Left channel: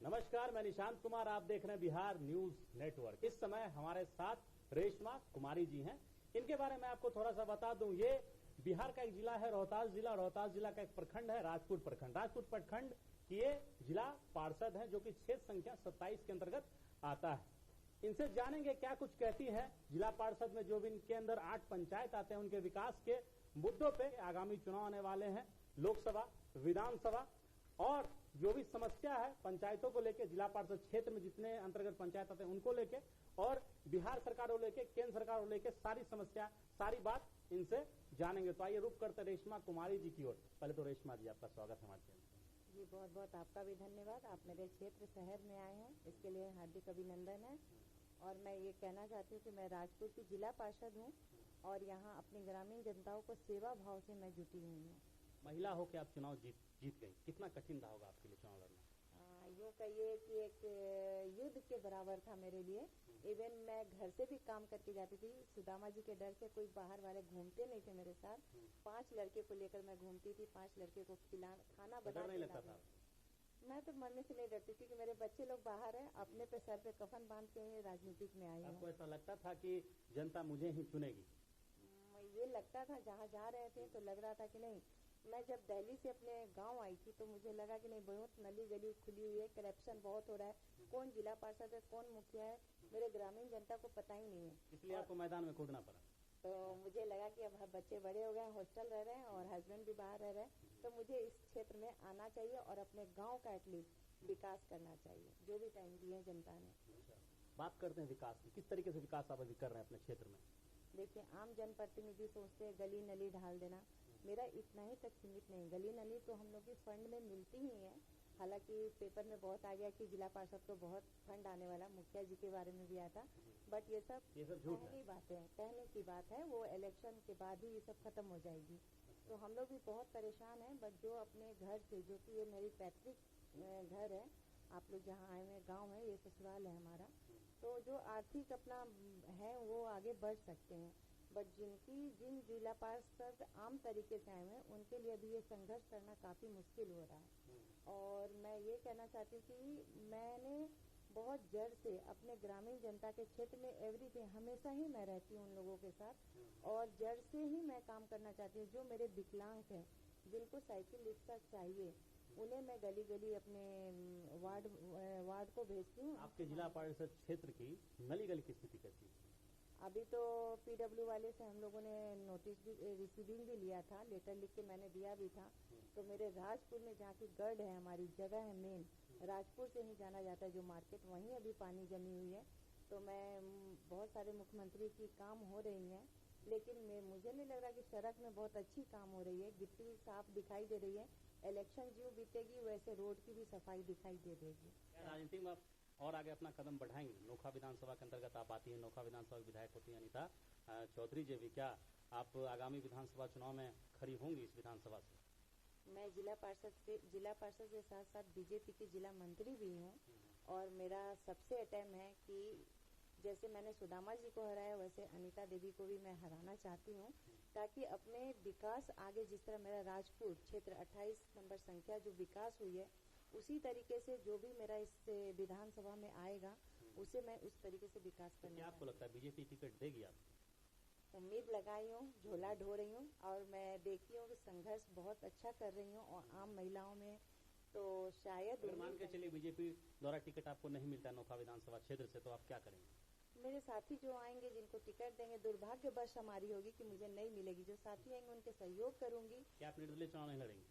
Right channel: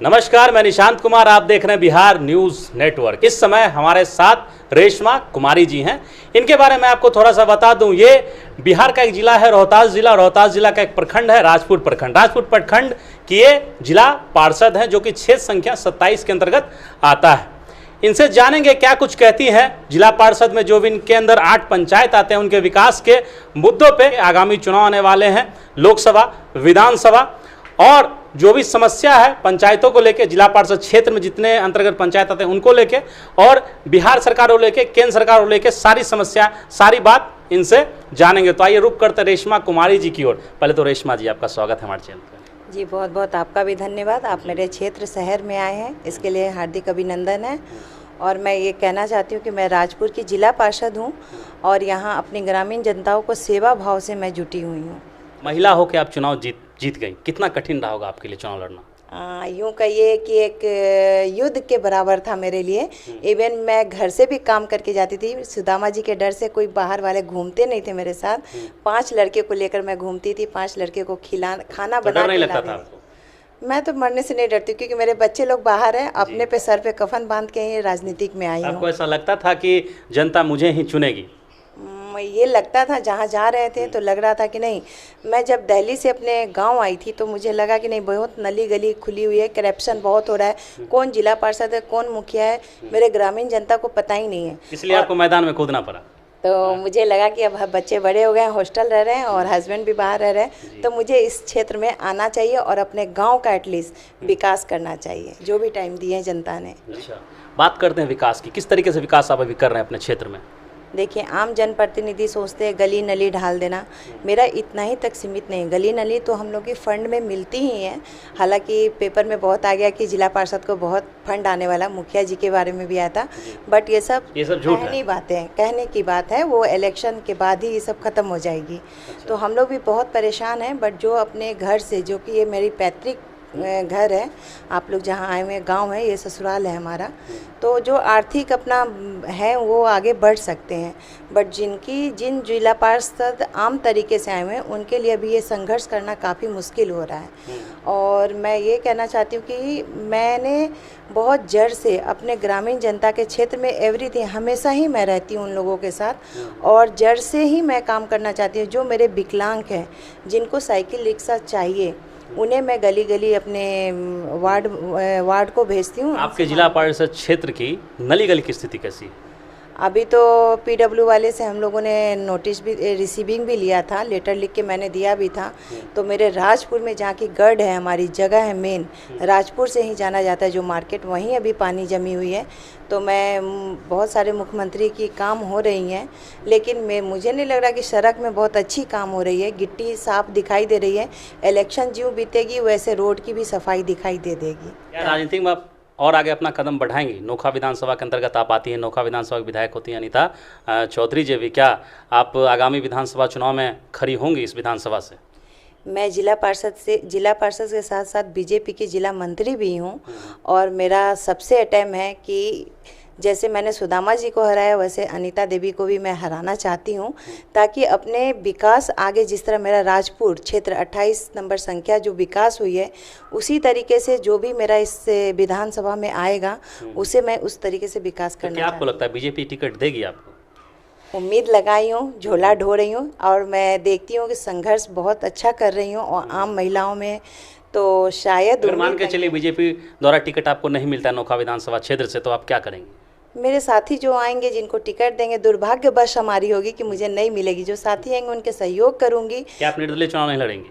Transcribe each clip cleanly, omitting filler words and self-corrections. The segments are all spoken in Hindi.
नमस्कार, मैं निशांत कुमार, आप देख रहे हैं बिहार न्यूज नेटवर्क। इस समय हमारे साथ रेशमा कुमारी जी हैं। इनके बारे में आपको थोड़ा सा बता दूं, ये बिहार का एक जिला है रोहतास जिला। रोहतास जिला का एक प्रखंड है राजपुर प्रखंड। राजपुर प्रखंड की ये जिला पार्षद हैं, जो कि क्षेत्र संख्या 27 के अंतर्गत आता है। इनसे जानेंगे क्या कुछ कहती हैं जिला पार्षद में, जो भी इनके अंदर 8 पंचायत आते हैं, उनके विकास के मुद्दों पे। आगामी चुनाव आने वाले हैं, लोकसभा, विधानसभा, और जो भी समस्या है पंचायतों को लेके, जिला पार्षद क्षेत्र में जितने अंतर्गत पंचायत आते हैं उनको लेके, और बिहार सरकार को लेके, केंद्र सरकार को लेके, सारी समस्या, सारी बात इनसे जानेंगे। तो आइए रुक करते रेशमा कुमारी जी की ओर। पहले तो रेशमा जी, आपका स्वागत है हमारे चैनल पर। जी बहुत बहुत आपका भी धन्यवाद। आप मेरे क्षेत्र शहर में आए हैं, इसके लिए हार्दिक अभिनंदन है। और मैं ये कहना चाहती हूँ कि मैं राजपुर की जिला पार्षद हूँ और यहाँ अपनी ग्रामीण जनताओं को सेवा भाव से मैं जुटी हुई हूँ। महिला होकर आप चुनाव जीत गई, कितना कठिन रहा होगा आपके लिए चुनाव लड़ना? यूँ कहिए कि एक युद्ध के बराबर था मेरे लिए। इवन मैं घर से भी काम करके जाती थी, सुदामा जी के डर से कोई बाहर वाले घूमते नहीं थे मेरे साथ। 5 लड़के को लेकर मैं घूमती थी, 5 लड़के को खाना तो बना डर नहीं के लगता लाती था थी। आपको? मैं तो मरने से नहीं डरती, क्योंकि मेरे बच्चे लोग बाहर हैं, अपने पे सर पे कफन बांध के ही राजनीतिक में आई हूँ। आपको ऐसा लगता था कि जनता मुझे ही चुनेगी? ये लगता था, जहाँ जा रहे थे तो लग रहा था कि नहीं। मैं जब दिल्ली से अपने गांव आई थी तो मुझे लगा कि नहीं, बहुत नली गली खुली हुई है, करप्शन बहुत हो रहा है, कौन जिला पार्षद है, कौन मुखिया है, मेरे ग्रामीण जनता को पता ही नहीं है। इसलिए आपको मैदान में कूदना पड़ा? तो मुझे लगा कि अब बच्चे बड़े हो गए हैं, हॉस्टल रह रहे हैं और हस्बैंड भी बाहर रह रहे हैं, तो मुझे इस क्षेत्र में आना चाहिए और अपने गांव का एटलीस्ट विकास करना चाहिए, जो भी टाइम दिए हैं जनता ने। अच्छा, बात करते हैं विकास की। किस तरीके से विकास आप अभी कर रहे हैं अपने क्षेत्र में? देखिए, आम जनप्रतिनिधि सोचते हैं गली नली ढाल देना, मेरा इतना ही तक सीमित नहीं। गली नली तो हम लोग की फंड में मिलती ही है। हालांकि पेपर में बहुत आ गया कि जिला पार्षद को बहुत फंड आने वाला, मुखिया जी के बारे में भी आया था, बट ये सब झूठ है। कहने बातें, कहने की बात है। वो इलेक्शन के बाद ही ये सब खत्म हो जाएगी। तो हम लोग भी बहुत परेशान हैं, बट जो अपने घर से, जो कि ये मेरी पैतृक घर है, आप लोग जहाँ आए हुए गांव है, ये ससुराल है हमारा, तो जो आर्थिक अपना है वो आगे बढ़ सकते हैं। बट जिन जिला पार्षद आम तरीके से आए हुए हैं, उनके लिए अभी ये संघर्ष करना काफ़ी मुश्किल हो रहा है। और मैं ये कहना चाहती हूँ कि मैंने बहुत जड़ से अपने ग्रामीण जनता के क्षेत्र में एवरीथिंग, हमेशा ही मैं रहती हूँ उन लोगों के साथ, और जड़ से ही मैं काम करना चाहती हूँ। जो मेरे विकलांग हैं, जिनको साइकिल रिक्शा चाहिए, उन्हें मैं गली गली अपने वार्ड को भेजती हूँ। आपके जिला पार्षद क्षेत्र की नली गली की स्थिति कैसी है? अभी तो पीडब्ल्यू वाले से हम लोगों ने नोटिस भी, रिसीविंग भी लिया था, लेटर लिख के मैंने दिया भी था। तो मेरे राजपुर में, जहाँ की गढ़ है, हमारी जगह है मेन, राजपुर से ही जाना जाता है जो मार्केट, वहीं अभी पानी जमी हुई है। तो मैं बहुत सारे मुख्यमंत्री की काम हो रही हैं, लेकिन मुझे नहीं लग रहा कि सड़क में बहुत अच्छी काम हो रही है। गिट्टी साफ दिखाई दे रही है। इलेक्शन ज्यों बीतेगी वैसे रोड की भी सफाई दिखाई दे देगी। क्या राजनीति में आप और आगे अपना कदम बढ़ाएंगी? नोखा विधानसभा के अंतर्गत आप आती हैं, नोखा विधानसभा की विधायक होती हैं अनीता चौधरी जी भी। क्या आप आगामी विधानसभा चुनाव में खड़ी होंगी इस विधानसभा से? मैं जिला पार्षद के साथ साथ बीजेपी की जिला मंत्री भी हूँ, और मेरा सबसे अटेम है कि जैसे मैंने सुदामा जी को हराया, वैसे अनीता देवी को भी मैं हराना चाहती हूँ, ताकि अपने विकास आगे, जिस तरह मेरा राजपुर क्षेत्र 28 नंबर संख्या जो विकास हुई है, उसी तरीके से जो भी मेरा इस विधानसभा में आएगा, उसे मैं उस तरीके से विकास करना क्या आपको लगता है बीजेपी टिकट देगी आपको? उम्मीद लगाई हूँ, झोला ढो रही हूँ, और मैं देखती हूँ कि संघर्ष बहुत अच्छा कर रही हूँ और आम महिलाओं में, तो शायद मान के चलिए बीजेपी द्वारा टिकट आपको नहीं मिलता है नोखा विधानसभा क्षेत्र से, तो आप क्या करेंगे? मेरे साथी जो आएंगे, जिनको टिकट देंगे, दुर्भाग्यवश हमारी होगी कि मुझे नहीं मिलेगी, जो साथी आएंगे उनके सहयोग करूंगी। क्या आप निर्दलीय चुनाव नहीं लड़ेंगी?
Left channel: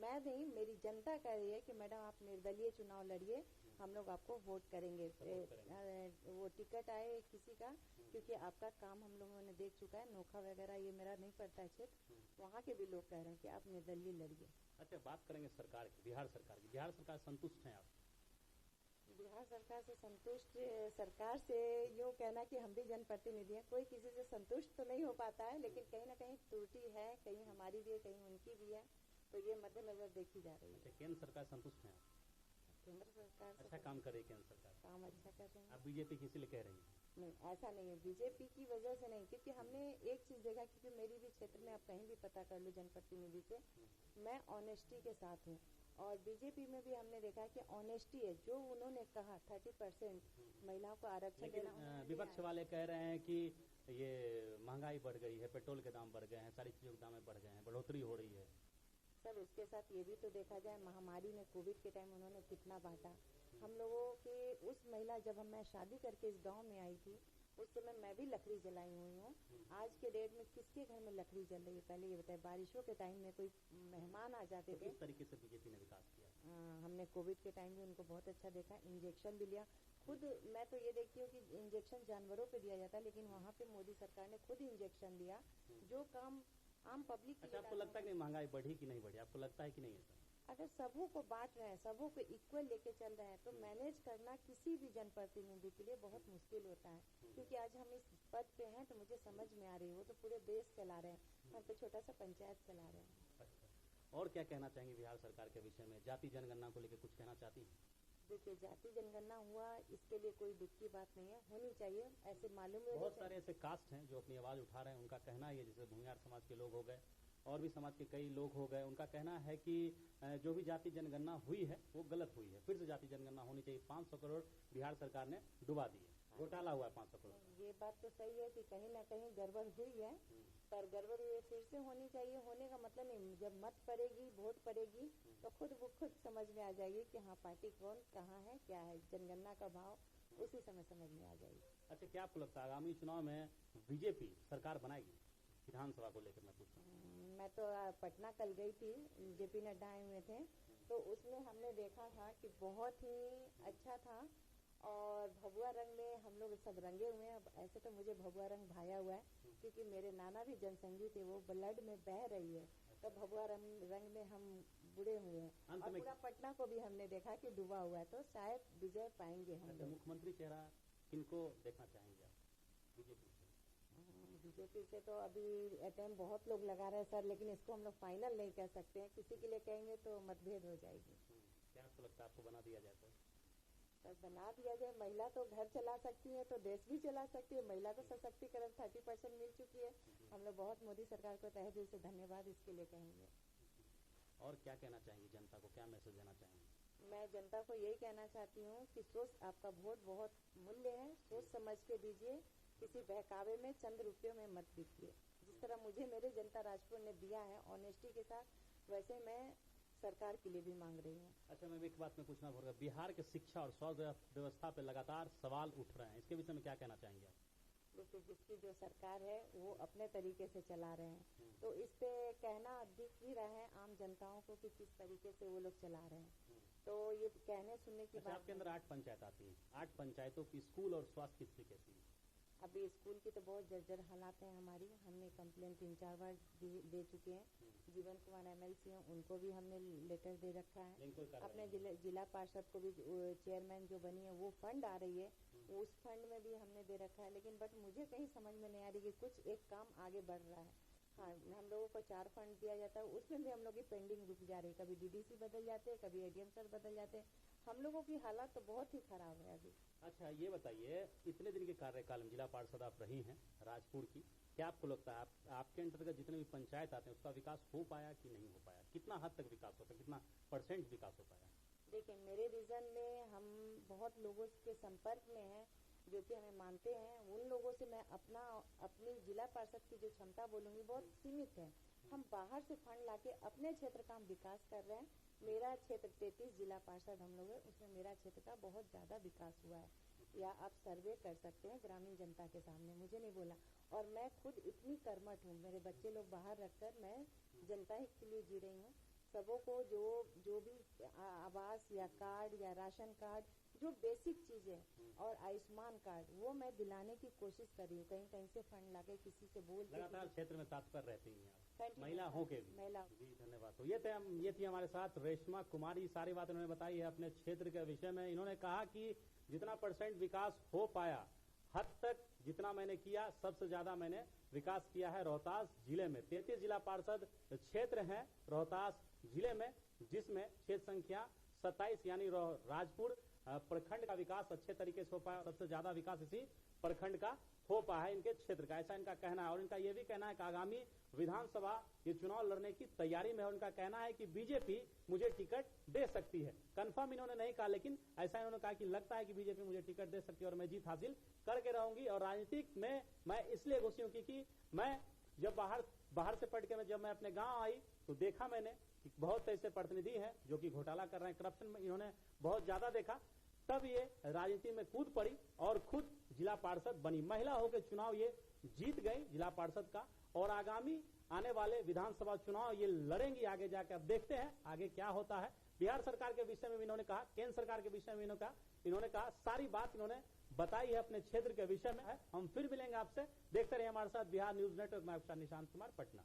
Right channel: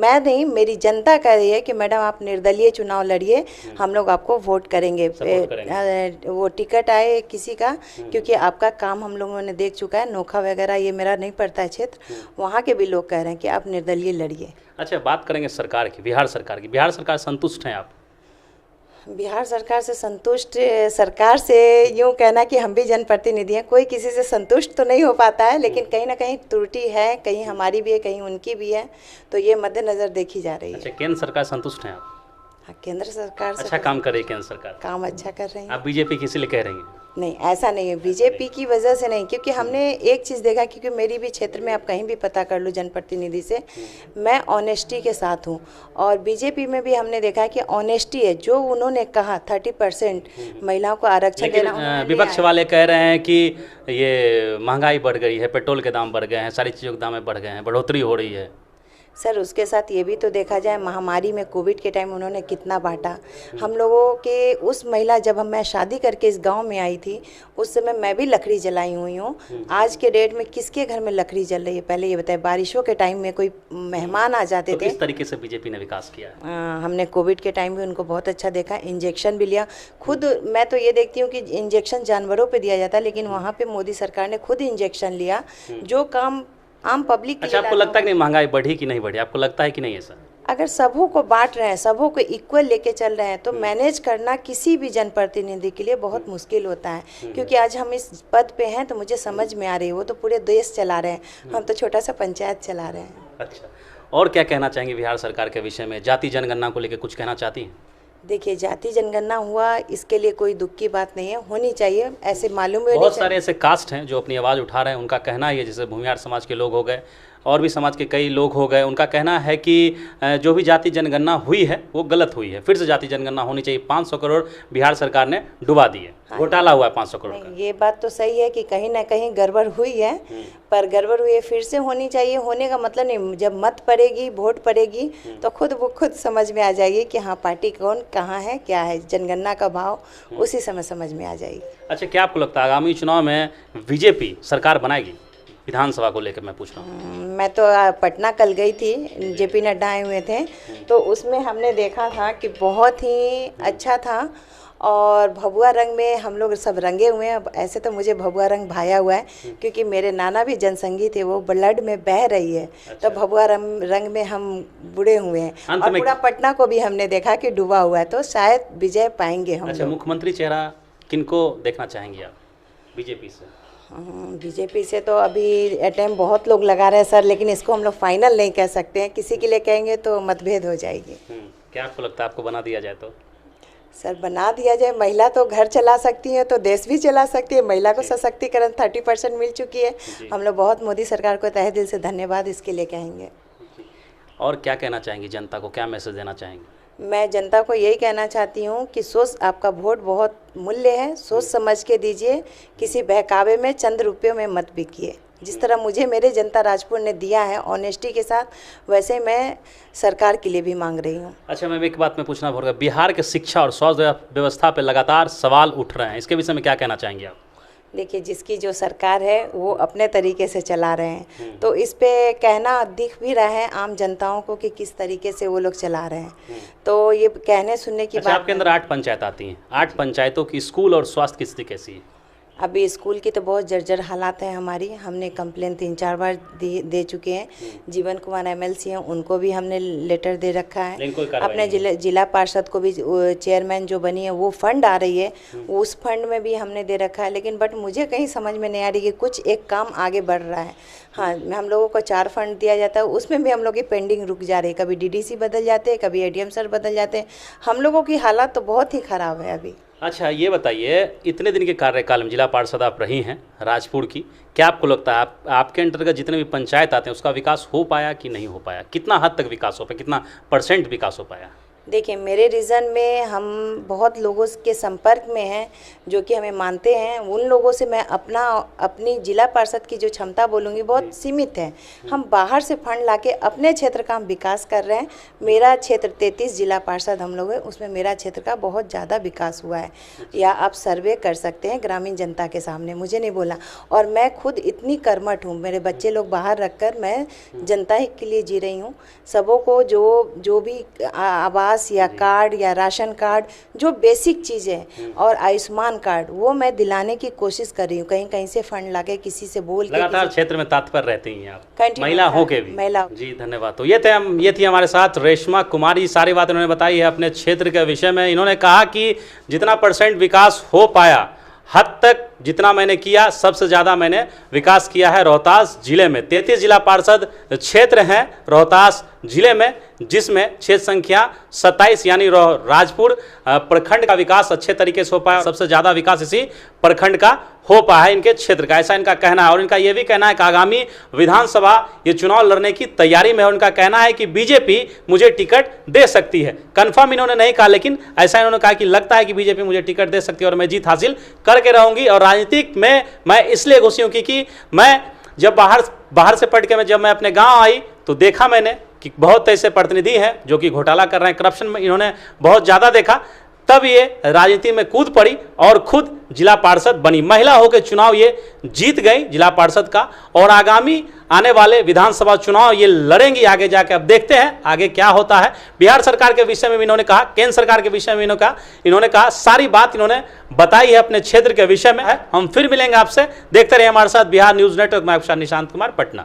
मैं नहीं, मेरी जनता कह रही है कि मैडम आप निर्दलीय चुनाव लड़िए, हम लोग आपको वोट करेंगे। वो टिकट आए किसी का, क्योंकि आपका काम हम लोगों ने देख चुका है। नोखा वगैरह ये मेरा नहीं पड़ता है क्षेत्र, वहाँ के भी लोग कह रहे हैं कि आप निर्दलीय लड़िए। अच्छा, बात करेंगे सरकार की, बिहार सरकार की। बिहार सरकार संतुष्ट हैं आप? बिहार सरकार से संतुष्ट, सरकार से यूँ कहना कि हम भी जनप्रतिनिधि हैं, कोई किसी से संतुष्ट तो नहीं हो पाता है, लेकिन कहीं ना कहीं त्रुटि है, कहीं हमारी भी है, कहीं उनकी भी है, तो ये मद्देनज़र देखी जा रही है। अच्छा, केंद्र सरकार संतुष्ट हैं आप? हाँ, केंद्र सरकार से अच्छा काम कर रही है केंद्र सरकार, काम अच्छा कर रही है। आप बीजेपी किसी लिए कह रही हैं? नहीं, ऐसा नहीं है, बीजेपी की वजह से नहीं, क्योंकि हमने एक चीज़ देखा, क्योंकि मेरी भी क्षेत्र में आप कहीं भी पता कर लो जनप्रतिनिधि से, मैं ऑनेस्टी के साथ हूँ। और बीजेपी में भी हमने देखा कि ऑनेस्टी है, जो उन्होंने कहा 30% महिलाओं को आरक्षण लेकिन देना, उन्होंने विपक्ष लिया है। वाले कह रहे हैं कि ये महंगाई बढ़ गई है, पेट्रोल के दाम बढ़ गए हैं, सारी चीज़ों के दाम बढ़ गए हैं, बढ़ोतरी हो रही है। सर, उसके साथ ये भी तो देखा जाए, महामारी में कोविड के टाइम उन्होंने कितना बांटा हम लोगों के। उस महिला, जब मैं शादी करके इस गांव में आई थी, उस समय मैं भी लकड़ी जलाई हुई हूँ। आज के डेट में किसके घर में लकड़ी जल रही है? पहले ये बताए, बारिशों के टाइम में कोई मेहमान आ जाते तो थे। किस तरीके से बीजेपी ने विकास किया है? हमने कोविड के टाइम भी उनको बहुत अच्छा देखा, इंजेक्शन भी लिया खुद। मैं तो ये देखती हूँ कि इंजेक्शन जानवरों पे दिया जाता है, लेकिन वहाँ पे मोदी सरकार ने खुद इंजेक्शन लिया, जो काम आम पब्लिक के अच्छा, लिए आपको लाना लगता है कि नहीं, महंगाई बढ़ी कि नहीं बढ़ी? आपको लगता है कि नहीं ऐसा? अगर सबों को बांट रहे हैं, सबों को इक्वल लेके चल रहे हैं, तो मैनेज करना किसी भी जनप्रतिनिधि के लिए बहुत मुश्किल होता है। क्योंकि आज हम इस पद पे हैं तो मुझे समझ में आ रही है, वो तो पूरे देश चला रहे हैं, हम तो छोटा सा पंचायत चला रहे हैं। अच्छा, और क्या कहना चाहेंगे बिहार सरकार के विषय में? जाति जनगणना को लेकर कुछ कहना चाहती हैं? देखिए, जाति जनगणना हुआ, इसके लिए कोई दुख की बात नहीं है, होनी चाहिए, ऐसे मालूम होनी बहुत चाहिए। सारे ऐसे कास्ट हैं जो अपनी आवाज़ उठा रहे हैं, उनका कहना ही है, जैसे भूमिहार समाज के लोग हो गए और भी समाज के कई लोग हो गए, उनका कहना है कि जो भी जाति जनगणना हुई है वो गलत हुई है, फिर से जाति जनगणना होनी चाहिए। 500 करोड़ बिहार सरकार ने डुबा दिए, घोटाला हुआ है 500 करोड़ का। नहीं, ये बात तो सही है कि कहीं ना कहीं गड़बड़ हुई है, पर गड़बड़ हुई है, फिर से होनी चाहिए। होने का मतलब नहीं, जब मत पड़ेगी, वोट पड़ेगी, तो वो खुद समझ में आ जाएगी कि हाँ, पार्टी कौन कहाँ है, क्या है, जनगणना का भाव उसी समय समझ में आ जाएगी। अच्छा, क्या आपको लगता है आगामी चुनाव में बीजेपी सरकार बनाएगी? विधानसभा को लेकर मैं पूछ रहा हूँ। मैं तो पटना कल गई थी, जेपी नड्डा आए हुए थे, तो उसमें हमने देखा था कि बहुत ही अच्छा था। और भगवा रंग में हम लोग सब रंगे हुए हैं। ऐसे तो मुझे भगवा रंग भाया हुआ है, क्योंकि मेरे नाना भी जनसंगी थे, वो ब्लड में बह रही है। तो भगवा रंग में हम बुड़े हुए हैं। और पूरा पटना को भी हमने देखा कि डूबा हुआ है, तो शायद विजय पाएंगे हम। अच्छा, मुख्यमंत्री चेहरा किनको देखना चाहेंगे आप बीजेपी से? बीजेपी से तो अभी अटेम्प्ट बहुत लोग लगा रहे हैं सर, लेकिन इसको हम लोग फाइनल नहीं कह सकते हैं। किसी के लिए कहेंगे तो मतभेद हो जाएगी। क्या आपको लगता है, आपको बना दिया जाए तो? सर, बना दिया जाए, महिला तो घर चला सकती है तो देश भी चला सकती है। महिला को सशक्तिकरण 30% मिल चुकी है। हम लोग बहुत मोदी सरकार को तहे दिल से धन्यवाद इसके लिए कहेंगे। और क्या कहना चाहेंगी जनता को, क्या मैसेज देना चाहेंगे? मैं जनता को यही कहना चाहती हूँ कि आपका वोट बहुत मूल्य है, सोच समझ के दीजिए, किसी बहकावे में चंद रुपयों में मत बिकिए। जिस तरह मुझे मेरे जनता राजपुर ने दिया है ऑनेस्टी के साथ, वैसे मैं सरकार के लिए भी मांग रही हूँ। अच्छा, मैं एक बात में पूछना भूल गया, बिहार के शिक्षा और स्वास्थ्य व्यवस्था पर लगातार सवाल उठ रहे हैं, इसके विषय में क्या कहना चाहेंगे आप? देखिए, जिसकी जो सरकार है वो अपने तरीके से चला रहे हैं, तो इस पे कहना दिख भी रहा है आम जनताओं को कि किस तरीके से वो लोग चला रहे हैं। तो ये कहने सुनने की अच्छा, बात। आपके अंदर 8 पंचायत आती हैं, 8 पंचायतों की स्कूल और स्वास्थ्य की स्थिति कैसी है? अभी स्कूल की तो बहुत जर्जर हालात है हमारी। हमने कंप्लेन 3-4 बार दे चुके हैं। जीवन कुमार एमएलसी हैं, उनको भी हमने लेटर दे रखा है। अपने जिला पार्षद को भी, चेयरमैन जो बनी है, वो फंड आ रही है, उस फंड में भी हमने दे रखा है। लेकिन बट मुझे कहीं समझ में नहीं आ रही कि कुछ एक काम आगे बढ़ रहा है। हाँ, हम लोगों को 4 फंड दिया जाता है, उसमें भी हम लोग की पेंडिंग रुक जा रही है। कभी डीडीसी बदल जाते हैं, कभी एडीएम सर बदल जाते हैं। हम लोगों की हालत तो बहुत ही ख़राब है अभी। अच्छा, ये बताइए, इतने दिन के कार्यकाल में जिला पार्षद आप रही हैं राजपुर की, क्या आपको लगता है आपके अंतर्गत जितने भी पंचायत आते हैं उसका विकास हो पाया कि नहीं हो पाया? कितना हद तक विकास हो पाया, कितना % विकास हो पाया? देखिए, मेरे रीजन में हम बहुत लोगों के संपर्क में हैं जो कि हमें मानते हैं। उन लोगों से मैं अपनी जिला पार्षद की जो क्षमता बोलूँगी बहुत सीमित है। हम बाहर से फंड लाके अपने क्षेत्र का हम विकास कर रहे हैं। मेरा क्षेत्र 33 जिला पार्षद हम लोग हैं, उसमें मेरा क्षेत्र का बहुत ज़्यादा विकास हुआ है। या आप सर्वे कर सकते हैं ग्रामीण जनता के सामने, मुझे नहीं बोला। और मैं खुद इतनी कर्मठ हूँ, मेरे बच्चे लोग बाहर रखकर मैं जनता ही के लिए जी रही हूँ। सबों को जो भी आवास या कार्ड या राशन कार्ड, जो बेसिक चीज़ें, और आयुष्मान कार्ड, वो मैं दिलाने की कोशिश कर रही हूँ। कहीं कहीं से फंड लाके, किसी से बोल के। लगातार क्षेत्र में तत्पर रहती हैं आप, महिला हो के भी। महिला जी, धन्यवाद। तो ये थी हमारे साथ रेशमा कुमारी। सारी बात इन्होंने बताई है अपने क्षेत्र के विषय में। इन्होंने कहा कि जितना % विकास हो पाया, हद तक जितना मैंने किया सबसे ज़्यादा मैंने विकास किया है रोहतास जिले में। 33 जिला पार्षद क्षेत्र हैं रोहतास जिले में, जिसमें क्षेत्र संख्या 27 यानी राजपुर प्रखंड का विकास अच्छे तरीके से हो पाया। सबसे ज़्यादा विकास इसी प्रखंड का हो पाया है इनके क्षेत्र का, ऐसा इनका कहना है। और इनका यह भी कहना है कि आगामी विधानसभा ये चुनाव लड़ने की तैयारी में है। उनका कहना है कि बीजेपी मुझे टिकट दे सकती है। कंफर्म इन्होंने नहीं कहा, लेकिन ऐसा इन्होंने कहा कि लगता है कि बीजेपी मुझे टिकट दे सकती है और मैं जीत हासिल करके रहूंगी। और राजनीतिक में मैं इसलिए घुसी हूँ क्योंकि मैं जब बाहर से पढ़ के जब मैं अपने गाँव आई तो देखा मैंने कि बहुत ऐसे प्रतिनिधि हैं जो कि घोटाला कर रहे हैं, करप्शन में इन्होंने बहुत ज़्यादा देखा, तब ये राजनीति में कूद पड़ी और खुद जिला पार्षद बनी। महिला होकर चुनाव ये जीत गई जिला पार्षद का, और आगामी आने वाले विधानसभा चुनाव ये लड़ेंगी आगे जाके। अब देखते हैं आगे क्या होता है। बिहार सरकार के विषय में भी इन्होंने कहा, केंद्र सरकार के विषय में इन्होंने कहा, सारी बात इन्होंने बताई है अपने क्षेत्र के विषय में है। हम फिर मिलेंगे आपसे, देखते रहिए हमारे साथ बिहार न्यूज़ नेटवर्क में। आपके साथ निशांत कुमार, पटना।